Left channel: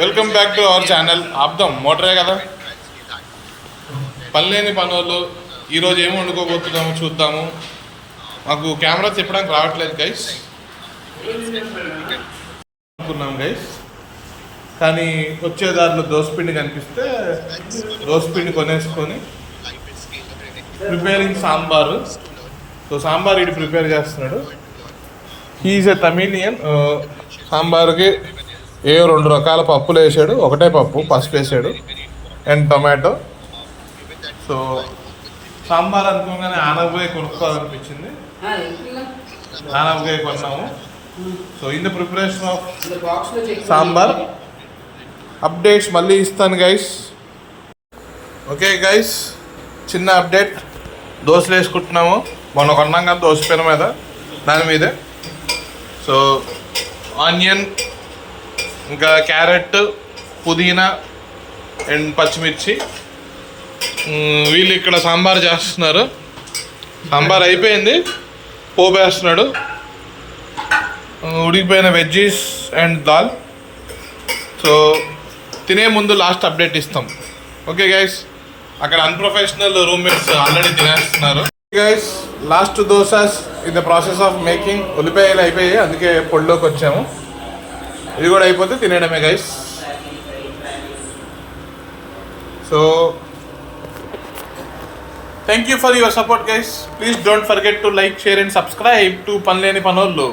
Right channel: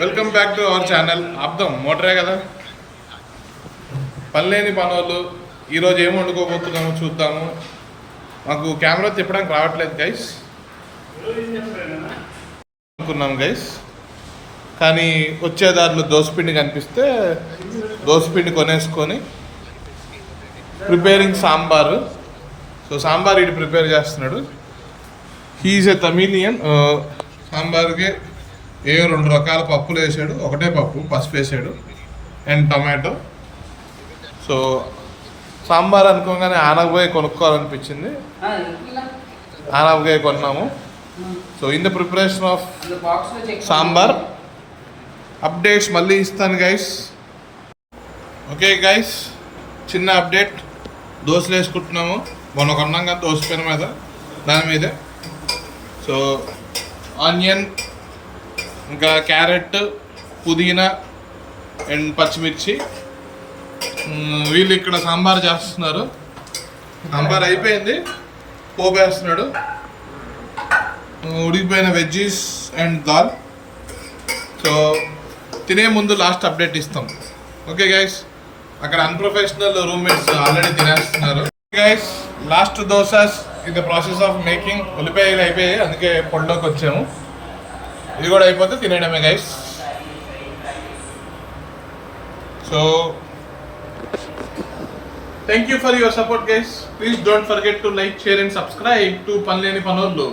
Welcome back to our channel. ఆపుదాం మోటరే కదా. పనిలేని పనులు ఈరోజు ఏమి వండుకోబోతున్నామో చూద్దాము. మాకు కెమెరా తిప్పడానికి రావట్లేదు గైస్ అనుకున్నాం గైస్, కానీ వచ్చేదారిలో దోసపిండి కనిపిస్తే దోసపిండి కొనేసుకొని ప్రిపేరింగ్ సాంబారు. సో సాంబార్ ఇటు ప్రిపేర్ చేస్తున్నాడు. హీఈస్ ఎ తమిళియన్. సాంబార్కి 2 రకాల పప్పులు వేసాడు, ఒకటే పప్పు పసుపు వేసాడు అండ్ టొమాటో. సో సాంబార్ అనుకోగానే ఆనపకాయ కొనుక్కోవాలనిపించింది, ఆనపకాయ కొన్నాము. So in the preparation of sambar updates మళ్ళీ ఇస్తాను గైస్. ఓకే గైస్, చిన్న అప్డేట్. దోశలు వేసుకుంటున్నాము. మొన్న కొన్నాం కదా దోశ పెన మీద, దాని మీదే. సో ఆనియన్, ఇంకా క్యారెట్, పుదీనా అండ్ పచ్చిమిర్చి. వీళ్ళు ఇక్కడ సాంబార్ చేస్తున్నారు. సాంబార్ అయిపోయింది, పోపు వేస్తున్నాడు. ఉడికిపోయిన వెజ్జీస్ అండ్ దాల్. సో తినే ముందు లాస్ట్ అప్డేట్ ఇస్తాం. ఓకే గైస్, అక్కడ అన్ప్రొఫెషనల్ రూమ్మేట్స్ ఆల్రెడీ తినేస్తున్నారు. Guys, last dosas in the process of making. ఉల్లిపాయలు అయిపోయాయి, అందుకే పొడిలోకి వచ్చాము. ఇది కూడా అయిపోతే తినేయడమే guys. So thank you for your support guys. Please don't forget to like, share and subscribe to పనిలేని పనోళ్ళు.